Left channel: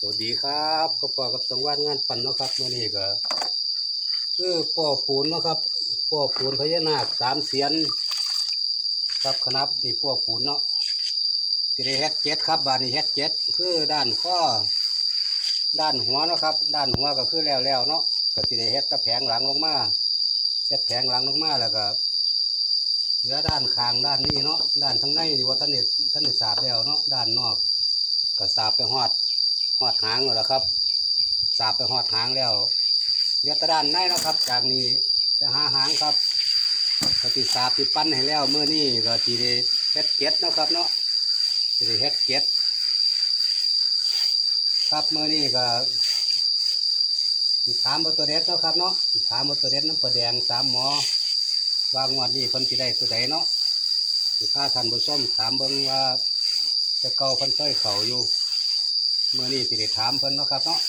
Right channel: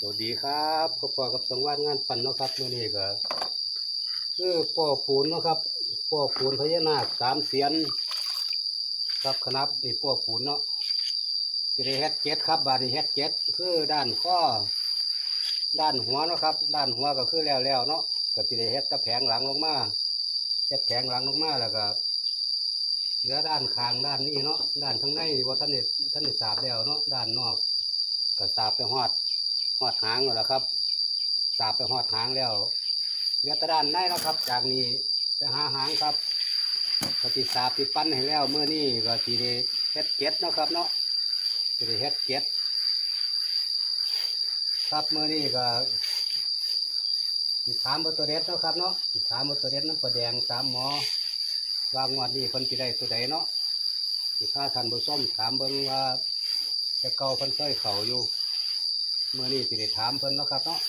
สวัสดีครับพบกับสังวาดงานปั่นเนาะครับเมื่อนี้ก็คือป่อปูนเนาะครับป่อปูนพญานาคสามเสียนครับคณับนี่ป่อปูนเนาะที่ได้เฮ็ดเจ็ดครับบาดนี้เฮ็ดเจ็ดคือด้านข้อด้านหัวเนาะครับ ด้านหัวก็คือแล้วแล้วๆเนาะก็ที่ได้เฮ็ดตะแผงหลังลงมาเฮ็ดแผงหลังลงมาแล้วก็เหลือด้านข้างด้านนี้เนาะด้านข้างในนี่ว่าท่านเด็ดท่านเด็ดสาบแล้วเนาะด้านนอกก็สาบไปหอด หอดหางแล้วครับ สาบไปหอดหางแล้วเหลือตะด้านในเนาะครับ จากนี้ไปหาหางครับก็ติสาบติปั้นให้แล้วเมื่อนี้ก็จีได้เฮ็ดเก็ดนะครับเนาะจีได้เฮ็ดเก็ดครับเมื่อนี้ก็สิถามเบอร์ตัวเด็ดเนาะครับเนาะสิถามเบอร์ตัวเด็ดน้ำปลาแดงสามหมอวางวดนี้พิ่นสิได้ตัวใดเนาะสิพาท่านผู้มถามเบิ่งว่าจะเกาพิ่นเคยเข้าอยู่ เมื่อนี้สิได้ถามเพิ่นเนาะครับเนาะ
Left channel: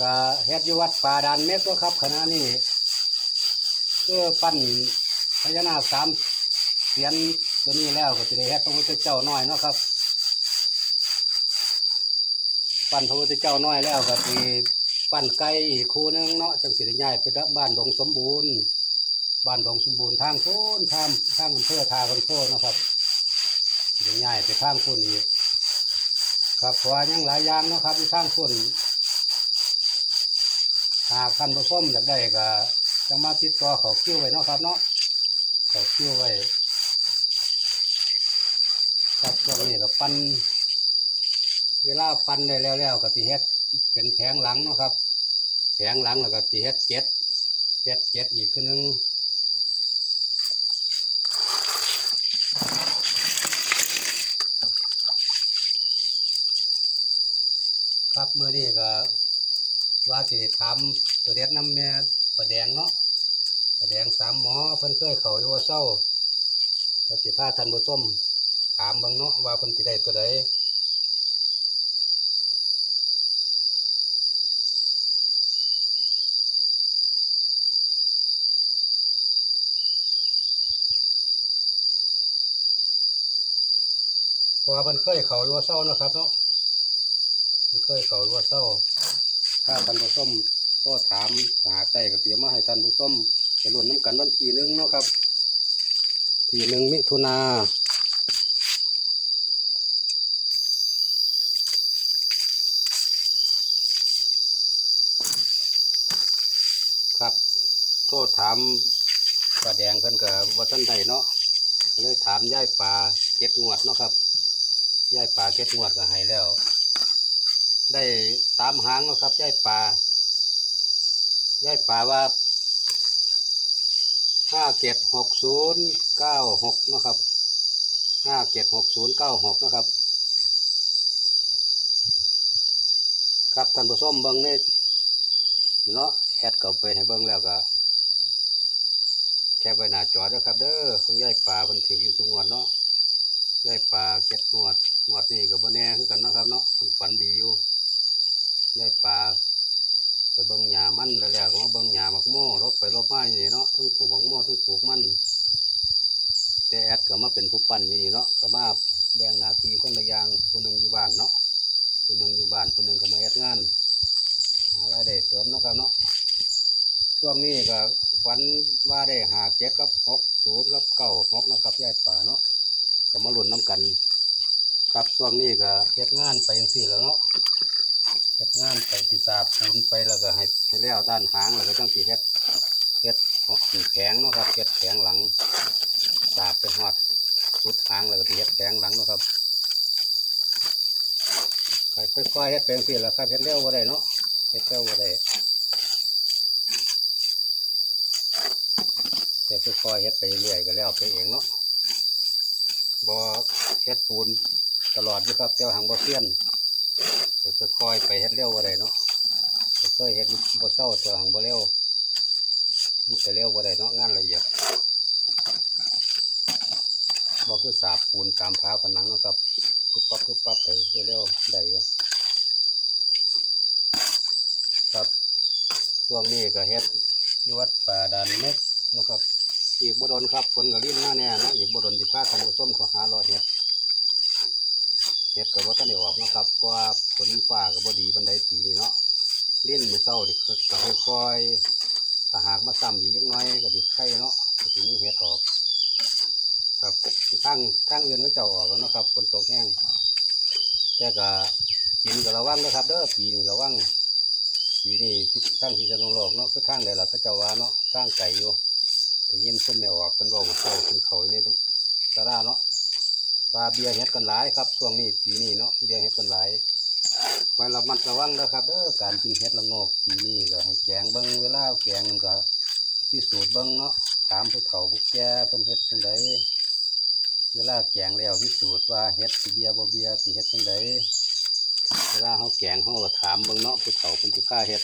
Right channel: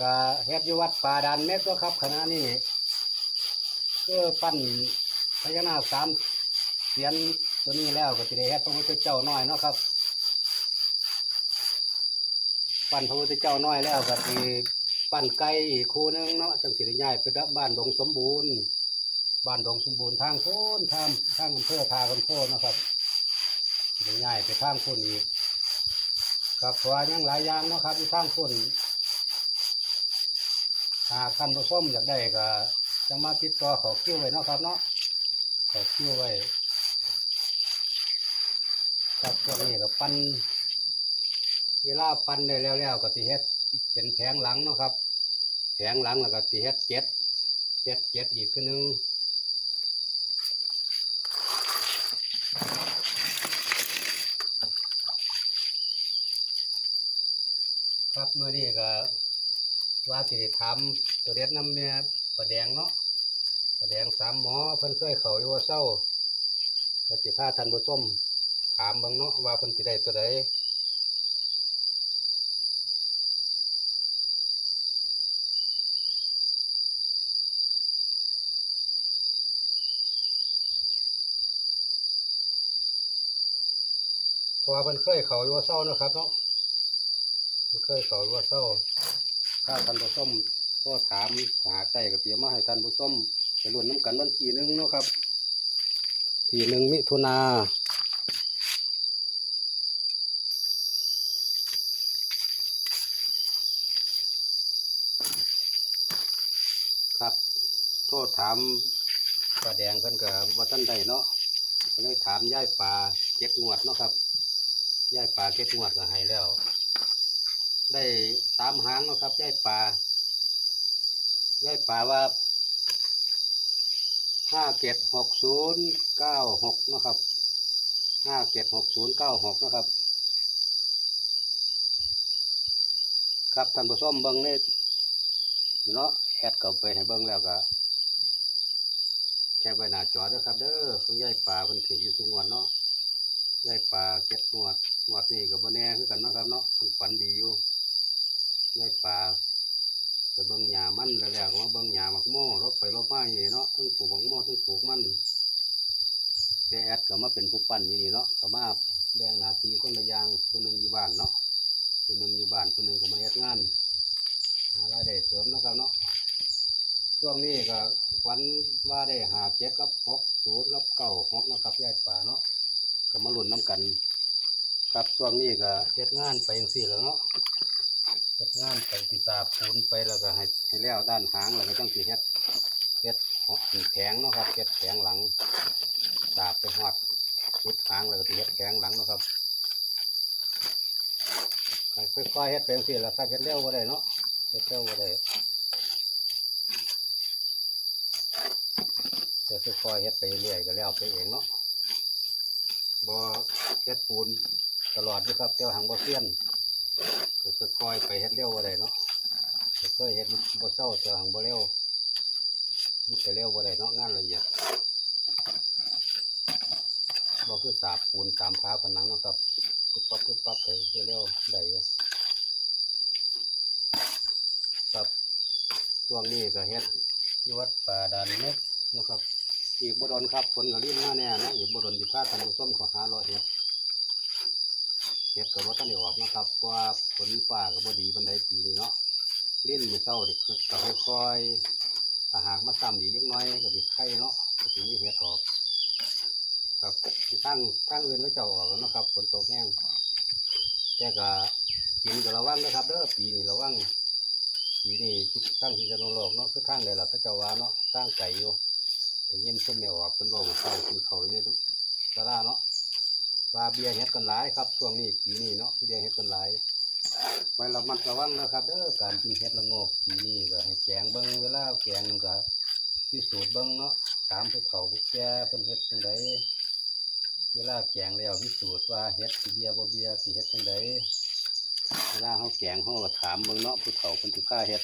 ก็เฮ็ดอยู่วัดป่าดานเม็กเนาะครับขณะนี้คือปั้นพญานาคสามเสียนตัวนี้แล้วก็สิได้เฮ็ดพระพุทธเจ้าน้อยเนาะครับ ปั้นพระพุทธเจ้าน้อยแล้วก็สิปั้นไก่อีกคู่นึงเนาะจังสิได้ย้ายไปบ้านดงสมบูรณ์บ้านดงสมบูรณ์ทางโพ้นทางทางอำเภอทาคนโพเนะครับ ง่ายไปทางคนอีก ครับเพราะว่ายังหลายอย่างเนาะครับที่ทางคนหากท่านผู้ชมอยากได้ก็จังมาติดต่อเขาคิวไว้เนาะครับเนาะเขาคิวไว้ครับช่วงนี้ก็ปั้นเวลาปั้นได้แล้วแล้วก็ตีเฮ็ดเป็นแผงหลังเนาะครับ แผงหลังแล้วก็ตีเฮ็ดเจ็ดเฮ็ดเจ็ดอีกคือหนึง ครับเมื่อนี้ก็ ว่าสิถามตัวเด็ดน้ำแม่ประแดงเนาะประแดงสามหมอเพิ่นเคยเขาอยู่ว่าเศร้าแล้วสิพาท่านผู้มถามบางเนาะว่าเพิ่นสิได้ตัวใดเพราะว่าเพิ่นเคยเขาอยู่ว่าเศร้านะครับเนาะมันเคยเขาว่าเศร้า ถ้าท่านผู้ชมก็ถามหาใจก็เตียมมาให้ท่านผู้ชมไปรุ่นน้ำกันวันทีนึงเนาะครับ ทีหนึ่งมิถุนาครับ โทษถามปลาแดงเพิ่นกับว่าท่านใดเนาะเลยถามย่ายปลาเก็ดงวดเนาะครับย่ายปลาเก็ดงวดก็ให้แล้ว ได้สามหางแล้วครับย่ายป่าย่ายป่าว่าห้าเจ็ดหกศูนย์เก้าหกนะครับห้าเจ็ดหกศูนย์เก้าหกนะครับ ครับท่านผู้ชมเบิ้งนี่เนาะแอดเข้าไปให้เบิ้งแล้วก็แค่ใบหน้าจอด้วยครับ เด้อของย่ายป่าพิ่นถืออยู่สุงวดเนาะย่ายป่าเก็ดงวดงวดนี่กับบ่แน่คือกันนะครับเนาะเพิ่นฝันดีอยู่ ยายป่าไปเบิ่งหญ้ามันแล้วแล้วก็มาเบิ่งหญ้าหมักโม่รบไปรบมาอยู่นี่เนาะทั้งปลูกหมักโม่ทั้งปลูกมันแต่แอดก็มาเป็นผู้ปั้นอยู่นี่เนาะก็มาแบ่งหน้าที่คนละอย่างผู้หนึ่งอยู่บ้านเนาะผู้หนึ่งอยู่บ้านผู้หนึ่งก็มาเฮ็ดงานหารายได้เสริมเนาะครับเนาะช่วงนี้ก็ฝันว่าได้หาเจ็ดกับหกศูนย์กับเก้าหกนะครับยายป่าเนาะก็มาหลุนน้ำกัน ครับช่วงนี้ก็เฮ็ดงานไปจังซี่แล้วเนาะ เฮ็ดงานไปติสาปูนไปแล้วก็ให้ให้แล้วด้านหางแล้วก็ต้องสิเฮ็ดเฮ็ดแผงเนาะครับเฮ็ดแผงหลังสาบไปหอดสุดหางแล้วก็สิเฮ็ดแผงหลังเนาะครับค่อยๆเฮ็ดไปจังซี่แหละครับเฮ็ดเร็วบ่ได้เนาะเฮ็ดเร็วบ่ได้แต่ค่อยๆเฮ็ดไปเรื่อยก็แล้วไปเองเนาะบ่เฮ็ดปูนตลอดอยู่ครับแต่ว่าหังบ่เซียน ก็ค่อยๆไปเฮ็ดเร็วบ่ได้เนาะก็เคยเฮ็ดบ่เศร้าแต่หังบ่เร็วมันไปเร็วบ่ได้เนาะงานละเอียดบ่คือสาบปูนตามผาผนังเนาะครับปุ๊บปั๊บปุ๊บปั๊บไปเร็วๆได้อยู่ครับช่วงนี้ก็เฮ็ดยูวัดป่าดานเม็กเนะครับอีกบ่ดนครับฝนก็ลิ้นมาแน่นะอีกบ่ดนสิพาท่านผู้ชมขาหารอเฮ็ด ฮ็ดก็บ่ทันได้ออกนะครับเพราะว่าฝนฟ้าก็บ่ดีปานใดปีนี้เนาะเล่นมือเช้านี่คือก็ค่อยๆถ้าหากมาซ้ำอีกจักน่อยก็สิไข่เนาะก็สิมีเฮ็ดออก ครับทางทางอื่นเขาเจ้าออกแล้วนะครับฝนตกแห้งแต่ก็กินก็ระวังนะครับเด้อปีนี้ระวังปีนี้ที่ทางพิษณุโลกเนาะคือทางใดล่ะเขาเจ้าว่าเนาะทางไก่อยู่แต่ยินซุ่มไม่ออกเพิ่นเว้าเศร้าขึ้นเขาอยู่ในทุกสาราเนาะ ว่าเบียเฮ็ดกันหลายครับช่วงนี้ปีนี้เนาะเบียเฮ็ดกันหลายไว้ระมัดระวังนะครับเด้อการกินเฮ็ดละโงกปีนี้ก็ให้แกงเบิ่งเวลาแกงมันก็พิสูจน์เบิ่งเนาะถามผู้เฒ่าผู้แก่เพิ่นเฮ็ดจังไดเวลาแกงแล้วพิสูจน์ว่าเฮ็ดสิเบียบ่เบียสิเฮ็ดจังไดเวลาเฮาแกงเฮาก็ถามเบิ่งเนาะผู้เฒ่าเพิ่นสิพาเฮ็ด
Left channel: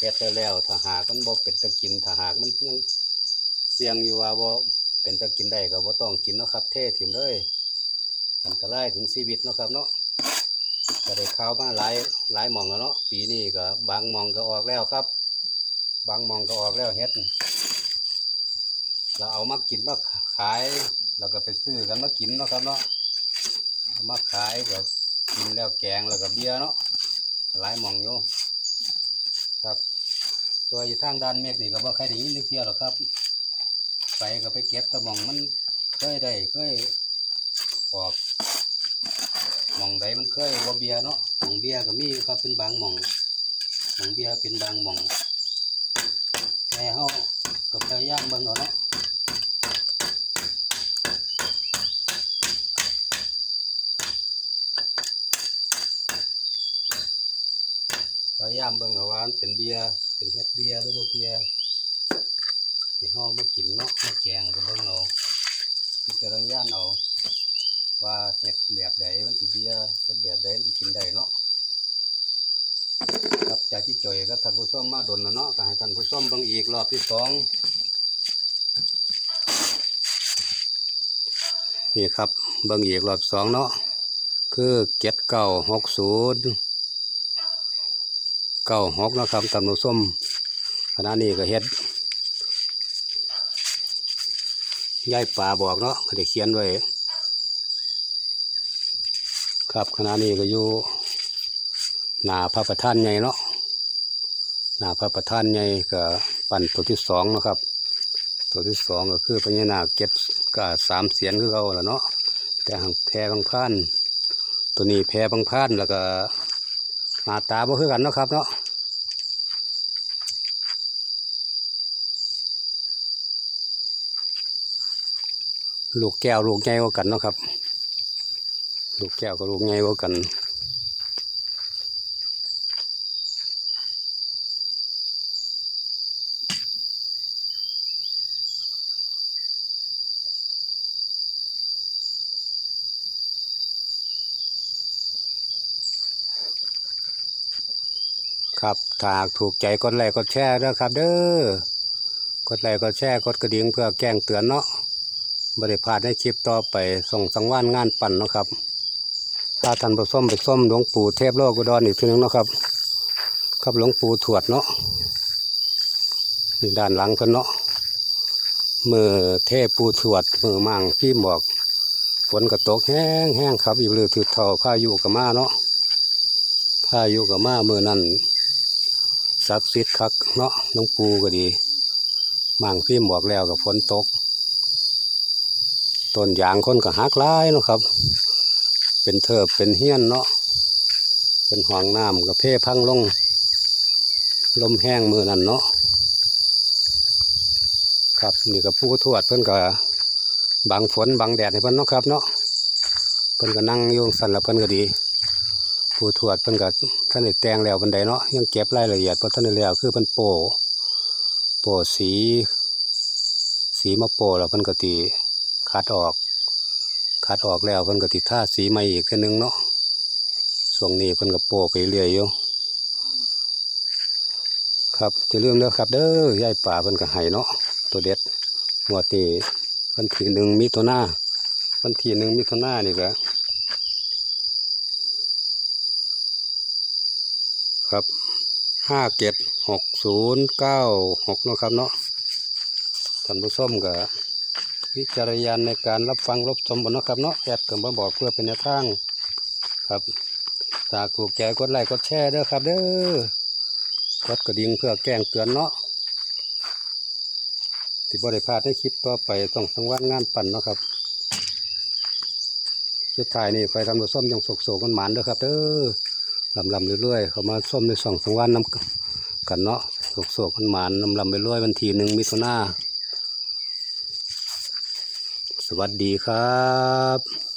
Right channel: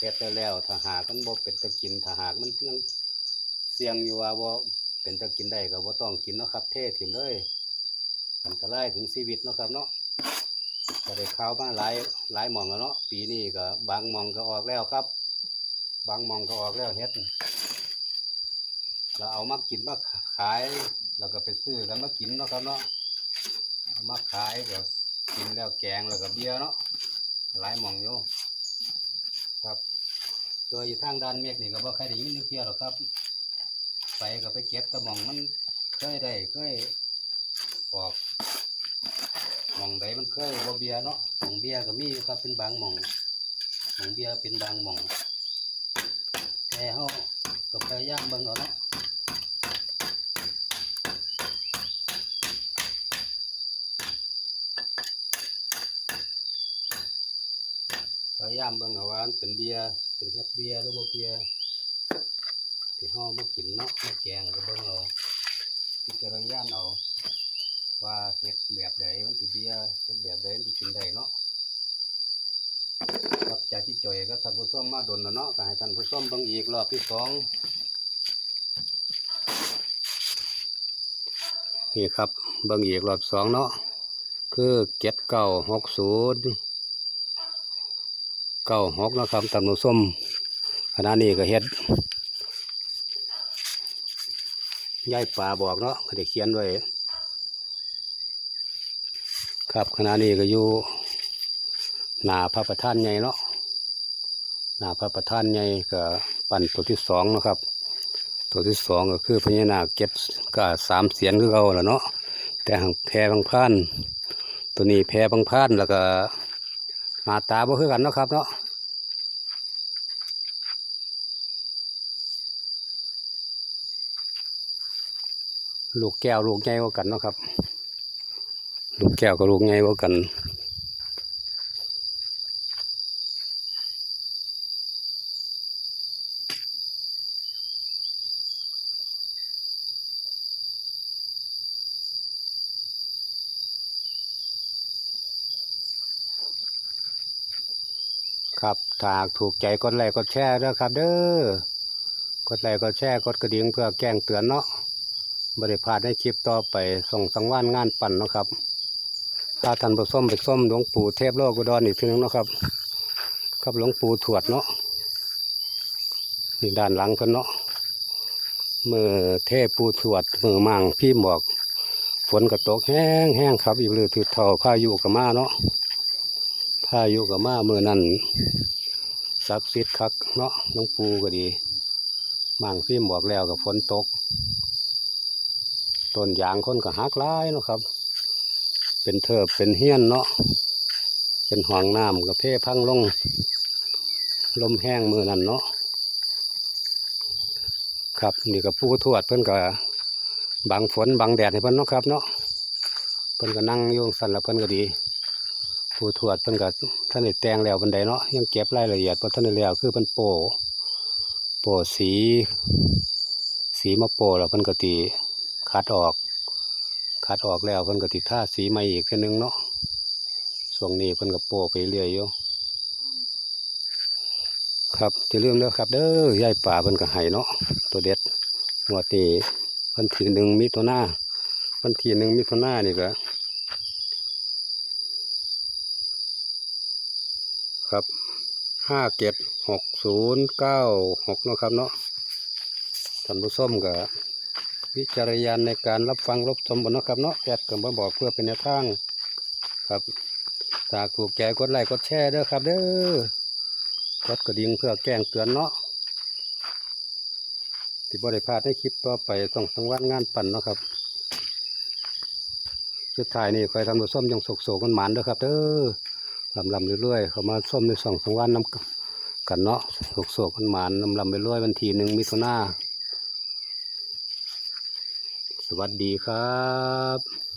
เฮ็ดแล้วถ้าหากมันบ่เป็นตะกินถ้าหากมันยังเสี่ยงอยู่ว่าบ่ เป็นตะกินได้ก็บ่ต้องกินเนาะครับ เท่ถิ่มเลยอันตรายถึงชีวิตเนาะครับเนาะก็ได้ข่าวมาหลายหลายมองแล้วเนาะปีนี้ก็บางมองก็ออกแล้วครับ บางมองก็ออกแล้วเฮ็ดเราเอามากินมาขายเราก็ไปซื้อกันมากินเนาะครับเนาะเอามาขายก็กินแล้วแกงแล้วก็เบียร์เนาะหลายมองอยู่ครับ ตัวอยู่ทางด้านเมฆนี่ก็บ่ใครได้ยินเทียวหรอกครับ ไปก็ไปเก็บตะมองมันเคยได้เคยออกหมองใดมันเคยบ่เบียเนาะหมองเบียก็มีอยู่ครับเป็นบางหมองหมองเบียเป็นบางหมองแต่เฮาก็พยายามเบิ่งเอาเนาะพยายามเบิ่งเอาว่าเป็นเบียเป็นเฮ็ดเบียหรือบ่เบีย ที่เฮามากินเนาะมาแกงก็เบิ่งเอาพิจารณาเอา ว่าเฮ็ดแบบใดมันสิเบียเฮ็ดแบบใดมันสิกินได้เนาะครับจากที่จ่อยก็ท่านผู้ชมมาดนแล้วเนาะก็ให้ท่านผู้ชมเบิ่งอีกรอบที่สองนี่ครับเบิ่งอีกรอบสองเนาะคือเก็ดเก้าหกศูนย์เก้าหกนะครับตำนุส้มขณะนี้ก็เฮ็ด ยายป่าบอกเนาะก็ได้เขียนไว้ครับขณะนี้ก็อยู่หนาพระประธานใหญ่เนาะหนาพระประธานใหญ่ก็ปั่นตัวที่สองนะครับ ตัวที่สองก็คือพญานาคเก็บก็สามเสียงคือเขาแหละเนาะแต่หางแพรบางพานตัวนี้แพรบางพานแล้วก็หน้าตาบ่คือกันนะครับเนาะ ลูกแก้วลูกใหญ่กว่ากันเนาะครับ ลูกแก้วกับลูกใหญ่กว่ากันครับถ้าหากถูกใจกดไลค์กดแชร์ด้วยครับ เด้อกดไลค์กดแชร์กดกระดิ่งเพื่อแจ้งเตือนเนาะ บริพาดในคลิปต่อไปส่งสังวานงานปั่นนะครับถ้าท่านผู้ส้มไปส้มหลวงปู่เทพโลกุดรอีกทีหนึงนะครับ ครับหลวงปู่ถวดเนาะนี่ด้านหลังเพิ่นเนาะมือเทพปูถวดมือมั่งพี่บอกฝนก็ตกแห้งแห้งครับ อีกเลยถือเท่าพายุกับมาเนาะพายุกับมามือนั่นศักดิ์สิทธิ์คักเนาะหลวงปู่ก็ดีมั่งพี่บอกแล้วกับฝนตก ต้นยางคนก็หักลายเนาะครับ เป็นเทิบเป็นเฮี้ยนเนาะเป็นห่วงน้ำกับเพ่พังลง ลมแห้งมือนั่นเนาะครับนี่กับผู้ทวดเพิ่อนก็บังฝนบังแดดให้เพิ่อนเนาะครับเนาะเพิ่อนก็นั่งอยู่สั่นแล้วเพิ่อนก็ดี ผู้ทวดเพิ่อนก็ท่านได้แต่งแล้วบันไดเนาะยังเก็บรายละเอียดเพราะท่านได้แล้วคือเพิ่นโปะโปะสี สีมาโปะแล้วเพิ่อนก็ตี คัดออก คัดออกแล้วเพิ่นก็ติดท่าสีใหม่อีกเทีนึงเนาะช่วงนี้เพิ่นก็โปะไปเรื่อยอยู่ครับจะเรื่องเด้อครับ เด้อยายป่าเพิ่นก็ให้เนาะตัวเด็ดงวดนี้วันที่หนึ่งมิถุนาวันที่หนึ่งมิถุนานี่แหละครับห้าเจ็ดหกศูนย์เก้าหกเนาะครับเนาะท่านผู้ชมก็ วิจารณญาณในการรับฟังรับชมบนนะครับเนาะแอดก็มาบอกเพื่อเป็นแนวทางครับถ้าถูกใจกดไลค์กดแชร์เด้อครับเด้อกดกระดิ่งเพื่อแจ้งเตือนเนาะที่บริพาดในคลิปต่อไปต้องสังวานงานปั่นเนาะครับสุดท้ายนี่คอยทำตัวส้มยังโศกๆกันหมานเด้อครับเด้อลำลำเรื่อยๆเขามาส้มในส่องสังวานน้ำกันเนาะโศกๆกันหมานลำลำไปเรื่อยวันทีหนึ่งมิถุนา สวัสดีครับ